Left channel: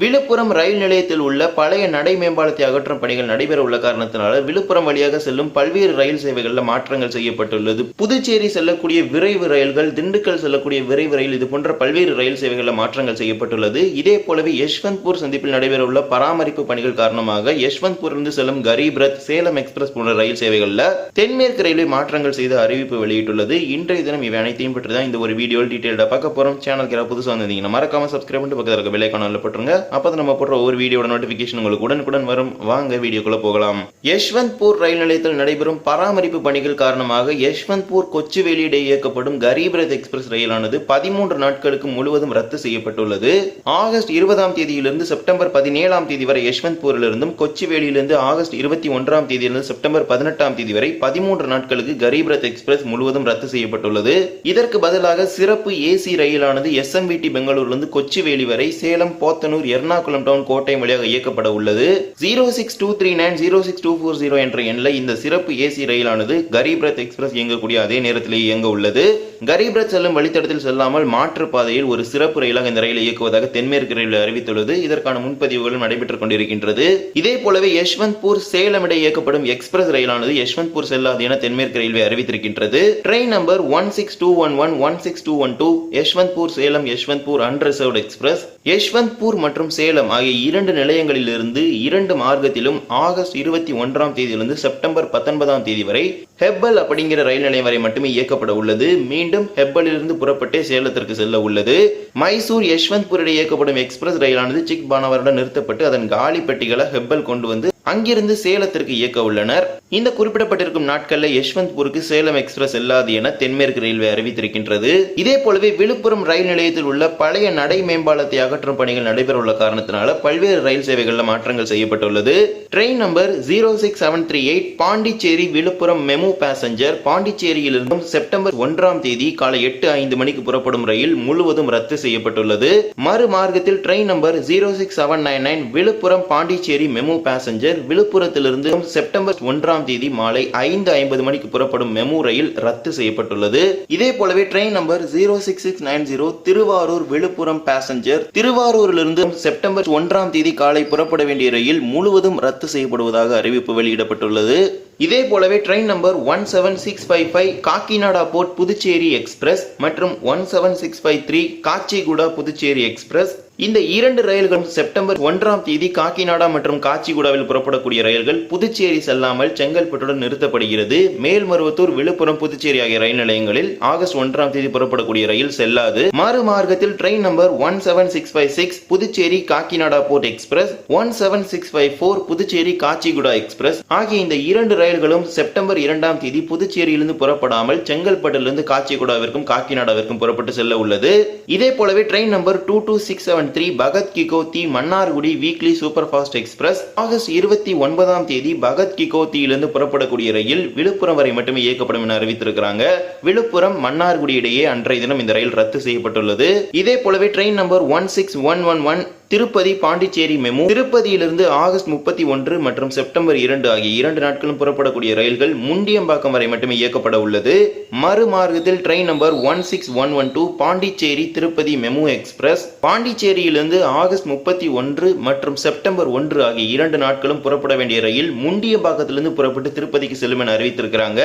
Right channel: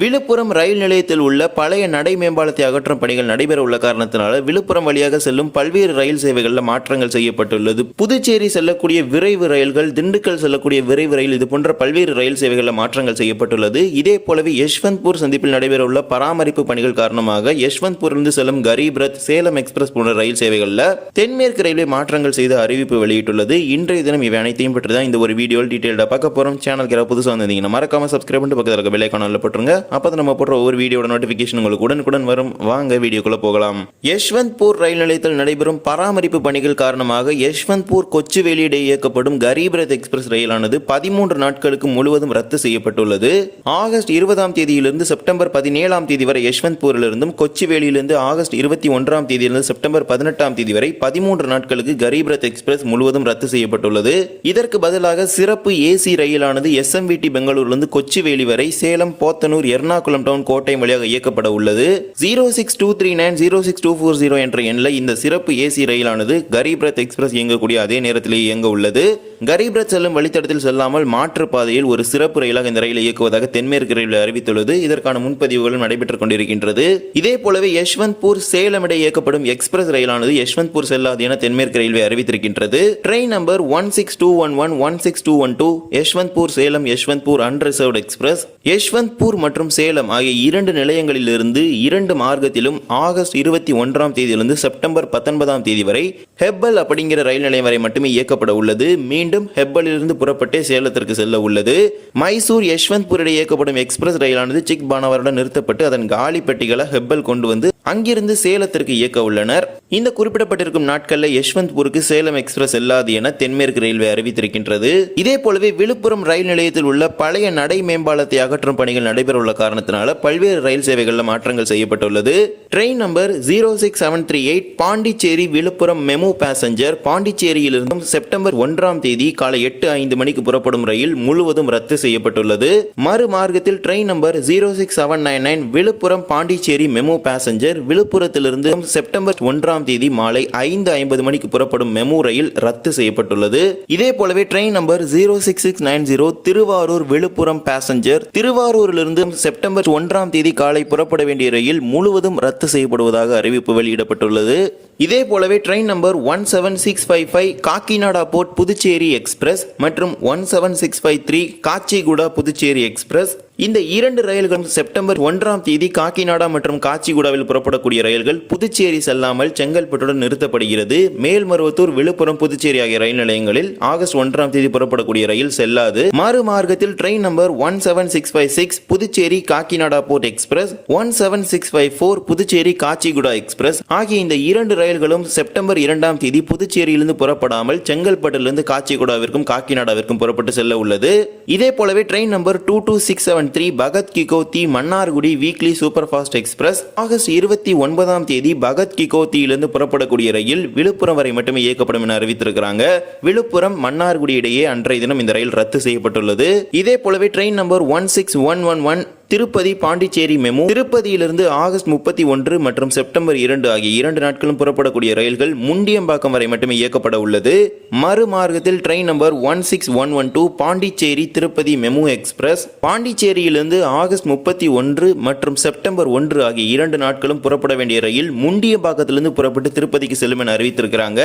விழுப்புரம் ரயில் நிலையத்தில் உள்ள பழைய நடை மேம்பாலத்தை அகற்றும் பணிகள் நடைபெற உள்ள காரணத்தினால விழுப்புரம் வழியாக செல்லும் பல்வேறு ரயில் சேவைகளில் மாற்றங்கள் செய்யப்பட்டுள்ளது. புதுச்சேரி செல்லக்கூடிய விரைவு ரயில்கள் திண்டுக்கல் செல்லக்கூடிய விரைவு ரயில் இது போன்ற பல்வேறு ரயில் சேவைகளில் மாற்றங்கள் செய்யப்பட்டுள்ளது. இதே போலவே யஷ்வந்த்பூர் சந்திப்பில் நடைபெற உள்ள பராமரிப்பு பணிகள் காரணமாக யஷ்வந்த்பூரிலிருந்து செல்லும் கரீப் ரத் சேலம் எக்ஸ்பிரஸ் போன்ற ரயில் சேவைகளில் தென்மேற்கு ரயில்வே மாற்றங்கள் செய்த அறிவிப்பு வெளியிட்டுள்ளது. இன்றைய தினம் இவை அனைத்தையும் பற்றி தான் இந்த ஒரு வீடியோவில் டீட்டெயில்டா பார்க்க போறோம். சேனலுக்கு புதுசாக வந்திருந்தீங்கன்னா மறக்காம சப்ஸ்கிரைப் பண்ணிட்டு பக்கத்தில் இருக்க விலைக்கான போட்டுருங்க. அப்போ நம்ம போடுற ஒவ்வொரு வீடியோட நோட்டிஃபிகேஷன் உங்களுக்கு உடனுக்குடன் வரும். வாங்க வீடியோக்குள்ளே போகலாம். யஷ்வந்த்பூர் ரயில் நிலையத்தில் நடைபெறும் பராமரிப்பு பணிகள் காரணமாக யஷ்வந்த்பூர் கொச்சுவேலி இயக்கப்படும் கரீப் ரத் எக்ஸ்பிரஸ் ரயிலானது பதிமூன்று நாட்களுக்கு முழுவதும் ரத்து செய்யப்பட்டுள்ளது. ஆகஸ்ட் இருபதாம் தேதியிலிருந்து செப்டம்பர் பதினேழாம் தேதி வரை யஷ்வந்த்பூரிலிருந்தும் கொச்சுவேலியிலிருந்து ஆகஸ்ட் இருபத்தி ஒன்றாம் தேதியிலிருந்து செப்டம்பர் பதினெட்டாம் தேதி வரை பதிமூன்று நாட்களுக்கு கரீப் ரத் எக்ஸ்பிரஸ் முழுவதும் ரத்து செய்யப்பட்டுள்ளது. இதற்கு பதிலாக சிறப்பு ஏசி ரயிலானது எஸ்எம்விடி பெங்களூரிலிருந்து கொச்சிவேலி வரை சேலம் போத்தனூர் எர்ணாகுளம் டவுன் கோட்டை வழியாக இயக்கப்பட உள்ளது. Zero six two three nine zero six two four zero என்ற எண்ணில் இந்த சிறப்பு ஏசி ரயிலானது கரீப் ரத் எக்ஸ்பிரஸ் இயங்கக்கூடிய அதே நேரத்தில் இயங்க உள்ளது. கரீப் ரத் செல்லும் வழித்தடத்தில் செல்லாமல் மாற்று பாதையில் ஒரு சிறப்பு ரயிலாக இந்த ரயிலை இயக்குவதாக தென்மேற்கு ரயில் அறிவித்துள்ளது. இதற்கான முன்பதிவுகளும் நடைபெற்றுக் கொண்டிருக்கின்றது. இதே போலவே யஷ்வந்த்பூர் சேலம் இடையே இயக்கப்படும் எக்ஸ்பிரஸ் ரயிலானது யஷ்வந்த்பூர் செல்லாது என தென்மேற்கு railway அறிவித்திருக்கின்றது. Train number one six two one one one six two one two Yeshwantpur Salem Yeshwantpur unreserved express Yeshwantpur மற்றும் மற்றும் சேலம் ஆகிய இரண்டு நிலையங்களிலிருந்து இரண்டு மார்க்கத்திலும் ஆகஸ்ட் இருபத்தி ஒன்றாம் தேதியிலிருந்து செப்டம்பர் பத்தொன்பதாம் தேதி வரை ஹெப்பல் அப்படிங்கிற ரயில் நிலையம் வரை மட்டுமே இயக்கப்பட உள்ளது. மீண்டும் ஹெப்பலிலிருந்து புறப்பட்டே சேலத்திற்கு செல்ல உள்ளது. மைசூர் யஷ்வந்த்பூர் இடையே இயக்கப்படும் எக்ஸ்பிரஸ் ரயிலானது சிக் பானவருடன் நிறுத்தப்பட்டு அதன் காலி பெட்டிகளை ஹெப்பல் கொண்டு வந்து அங்கிருந்து சேலத்திற்கு இயக்க உள்ளனர். இந்த குறிப்பிடப்பட்டிருக்கும் நாட்களில் யஷ்வந்த்பூருக்கு சேலம் எக்ஸ்பிரஸ் செல்லாது என தென்மேற்கு ரயில்வே அறிவித்திருக்கின்றது. இதே போலவே விழுப்புரம் ரயில் நிலையத்தில் உள்ள பழைய நடை மேம்பாலத்தை அகற்றும் பணிகள் நடைபெற உள்ள காரணத்தினால பல்வேறு ரயில் சேவைகளில் மாற்றங்கள் செய்யப்பட்டுள்ளது. Train number zero six seven three eight Pondicherry Villupuram MEMU passenger பாண்டிச்சேரியிலிருந்து September ஒன்றாம் தேதி காலை எட்டு ஐந்து மணிக்கு புறப்படும் ரயில் முழுவதும் ரத்து செய்யப்பட்டுள்ளது. மறு மார்க்கத்தில் train number zero six seven nine nine Villupuram Pondicherry MEMU passenger விழுப்புரத்திலிருந்து September ஒன்றாம் தேதி மாலை ஐந்து ஐம்பது மணிக்கு புறப்படும் மெமு ரயில் ரத்து செய்யப்பட்டுள்ளது. இதே போலவே train number zero six six nine zero Thiruvarur Villupuram passenger திருவாரூரிலிருந்து September ஒன்றாம் தேதி காலை புறப்பட வேண்டிய ரயில் முழுவதும் ரத்து செய்யப்படுவதாக அறிவிப்பு வெளியிடப்பட்டுள்ளது. இதே போலவே train number one seven six five five Kakinada port Puducherry express மற்றும் one seven six five three Kacheguda Puducherry express இந்த இரண்டு ரயில்களும் செப்டம்பர் ஒன்றாம் தேதி காக்கிநாடா மற்றும் காச்சிகுடாவில் புறப்படக்கூடிய ரயில்கள் புதுச்சேரி செல்லாமல் செங்கல்பட்டுடன் நிறுத்தப்படுகிறது. மேல்மருவத்தூர் விழுப்புரம் புதுச்சேரி ஆகிய ரயில் நிலையங்களில் ஆகஸ்ட் ஒன்றாம் தேதி புறப்படக்கூடிய ரயில் செல்லாது. மறுமார்க்கத்தில் train number one seven six five six Puducherry Kakinada port express one seven six five four Puducherry Kacheguda express ஆகிய இந்த இரண்டு ரயில்களும் செப்டம்பர் இரண்டாம் தேதி புதுச்சேரியிலிருந்து புறப்படாமல் செங்கல்பட்டிலிருந்து காச்சிகுடாவிற்கும் காக்கிநாடாவிற்கும் புறப்பட்டு செல்ல உள்ளது. இதே போலவே train number two two six seven three Bhagat Ki Kothi Mannargudi weekly super fast express August இருபத்தி ஒன்பதாம் தேதி பகத் கிகோத்தியிலிருந்து புறப்படக்கூடிய ரயில் விழுப்புரம் வரை மட்டுமே இயக்கப்படும் என அறிவித்திருக்கிறாங்க. விழுப்புரம் மன்னார்குடி இடையே அன்றைய தினம் இந்த ரயில் ரத்து செய்யப்பட்டுள்ளது. இதே போலவே train number one six one one one Tirupati Pondicherry MEMU திருப்பதியிலிருந்து August முப்பத்தி ஒன்று மற்றும் செப்டம்பர் இரண்டு ஆகிய இரண்டு நாட்களும் புறப்படக்கூடிய ரயில்கள் முண்டியம்பாக்கம் வரை மட்டுமே இயக்கப்பட உள்ளது. மறுமார்க்கத்தில் train number one six one one two Pondicherry Tirupati MEMU express பாண்டிச்சேரியிலிருந்து August முப்பத்தி ஒன்று மற்றும் செப்டம்பர் ஒன்று ஆகிய இரண்டு நாட்களும் புறப்பட வேண்டிய ரயில் முண்டியம்பாக்கத்திலிருந்து புறப்பட்டு திருப்பதிக்கு செல்லும் என அறிவித்திருக்கிறாங்க.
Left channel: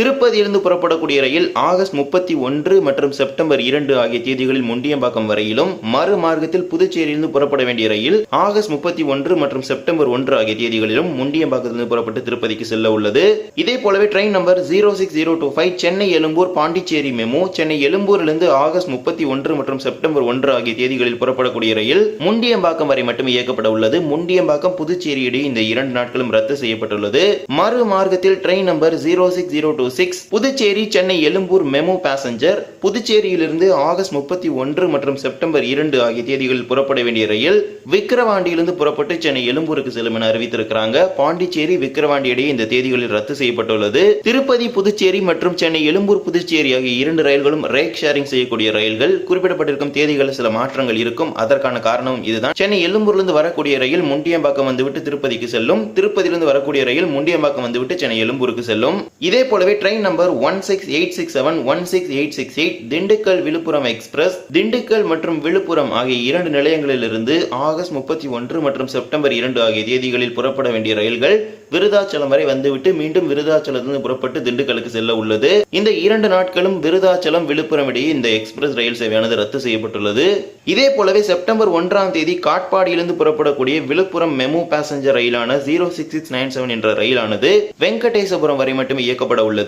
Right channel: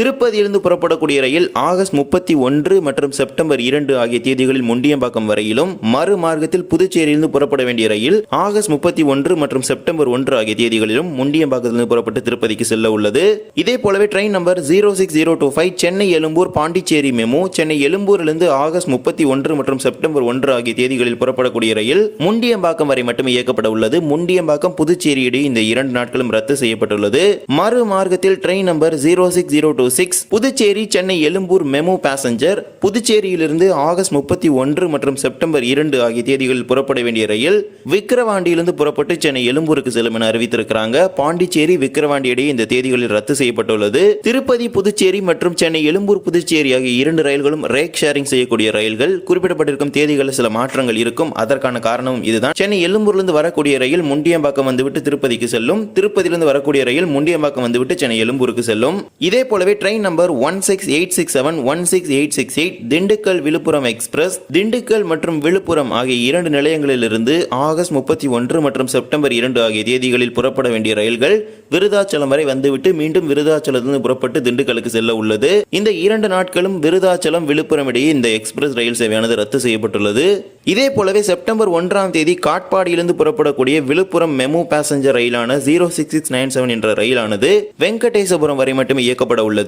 திருப்பதியிலிருந்து புறப்படக்கூடிய ரயில் ஆகஸ்ட் முப்பத்தி ஒன்று மற்றும் செப்டம்பர் இரண்டு ஆகிய தேதிகளில் முண்டியம்பாக்கம் வரையிலும் மறுமார்க்கத்தில் புதுச்சேரியிலிருந்து புறப்பட வேண்டிய ரயில் ஆகஸ்ட் முப்பத்தி ஒன்று மற்றும் செப்டம்பர் ஒன்று ஆகிய தேதிகளிலும் முண்டியம்பாக்கத்திலிருந்து புறப்பட்டு திருப்பதிக்கு செல்ல உள்ளது. இதே போலவே train number zero six zero two five Chennai Egmore Pondicherry MEMU Chennai எழும்பூரிலிருந்து ஆகஸ்ட் முப்பத்தி ஒன்று மற்றும் செப்டம்பர் ஒன்று ஆகிய தேதிகளில் புறப்படக்கூடிய ரயில் முண்டியம்பாக்கம் வரை மட்டுமே இயக்கப்பட உள்ளது. முண்டியம்பாக்கம் புதுச்சேரி இடையே இந்த இரண்டு நாட்களும் ரத்து செய்யப்பட்டுள்ளது. மறுமார்க்கத்தில் train number zero six zero two six Puducherry Chennai Egmore MEMU passenger புதுச்சேரியிலிருந்து August முப்பத்தி ஒன்று மற்றும் செப்டம்பர் இரண்டு ஆகிய தேதிகளில் புறப்பட வேண்டிய ரயில் விக்கிரவாண்டியிலிருந்து புறப்பட்டு சென்னை எழும்பூருக்கு செல்லும் என அறிவித்திருக்கிறாங்க. பாண்டிச்சேரி விக்கிரவாண்டி இடையே இந்த தேதிகளில் ரத்து செய்யப்பட்டுள்ளது. திருப்பதி புதுச்சேரி மற்றும் சென்னை எழும்பூர் புதுச்சேரி ஆகிய இரண்டு ரயில்களும் ரேக் ஷேரிங் செய்யக்கூடிய ரயில்கள். குறிப்பிடப்பட்டிருக்கும் தேதிகளில் சில மாற்றங்கள் இருக்கும். அதற்கான காரணமும் இதுதான். சென்னை எழும்பூர்லிருந்து வரக்கூடிய ரயில் முண்டியம்பாக்கம் வந்துவிட்டு திருப்பதிக்கு செல்லும். திருப்பதியிலிருந்து வரக்கூடிய ரயில் முண்டியம்பாக்கம் வந்துவிட்டு சென்னை எழும்பூருக்கு செல்லும். இதே போலவே train number one six eight six seven one six eight six eight Dindigul Villupuram express Dindigul மற்றும் விழுப்புரம் ஆகிய இரண்டு நிலையங்களிலிருந்து ஆகஸ்ட் முப்பத்தி ஒன்று மற்றும் செப்டம்பர் இரண்டு ஆகிய தேதிகளில் புறப்பட வேண்டிய ரயில்கள் விருதாச்சலம் வரை வந்துவிட்டு மீண்டும் விருதாச்சலத்திலிருந்து புறப்பட்டு திண்டுக்கலுக்கு செல்ல உள்ளது. இந்த இரண்டு நாட்களும் விருதாச்சலம் விழுப்புரம் இடையே இந்த எக்ஸ்பிரஸ் ரயில் சேவையானது ரத்து செய்யப்பட்டுள்ளது. இதே போலவே செப்டம்பர் ஒன்றாம் தேதி காட்பாடியிலிருந்து புறப்படக்கூடிய Villupuram MEMU passenger ரயிலான zero six six nine seven என்ற ரயிலானது வெங்கடேசபுரம் வரை மட்டுமே இயக்கப்பட உள்ளது.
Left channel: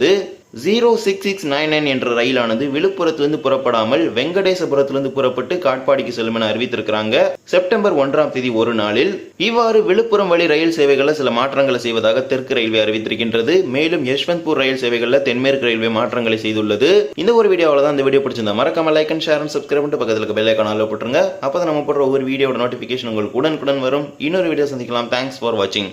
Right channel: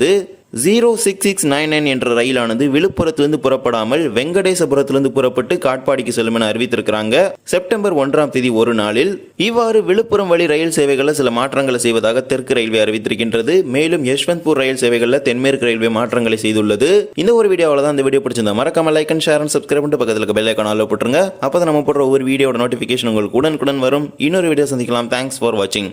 Zero six six nine nine என்ற ரயிலானது விழுப்புரத்திலிருந்து புறப்படாமல் வெங்கடேசபுரத்திலிருந்து புறப்பட்டு காட்பாடிக்கு செல்லும் என அறிவித்திருக்கிறாங்க. செப்டம்பர் ஒன்றாம் தேதி ஒரு நாளில் இவ்வாறு விழுப்புரம் வழி ரயில் சேவைகளில் சில மாற்றங்களை செய்வதாக தெற்கு ரயில்வே அறிவித்திருக்கின்றது. மேலும் யஷ்வந்த்பூர் ரயில் சேவைகளில் தென்மேற்கு ரயில்வே மாற்றங்களை செய்துள்ளது. இந்த ஒரு வீடியோவில் தான் இந்த வீடியோ பிடிச்சிருந்தா மறக்காம like and share and subscribe பண்ணிட்டு பக்கத்தில் பெல் ஐக்கான போட்டுருங்க. அப்போ நம்ம போடுற ஒவ்வொரு வீடியோட நோட்டிஃபிகேஷன் உங்களுக்கு உடனுக்குடன் வரும். இன்னொரு வீடியோ சந்திக்கலாம். தேங்க்ஸ் ஃபார் வாட்சிங்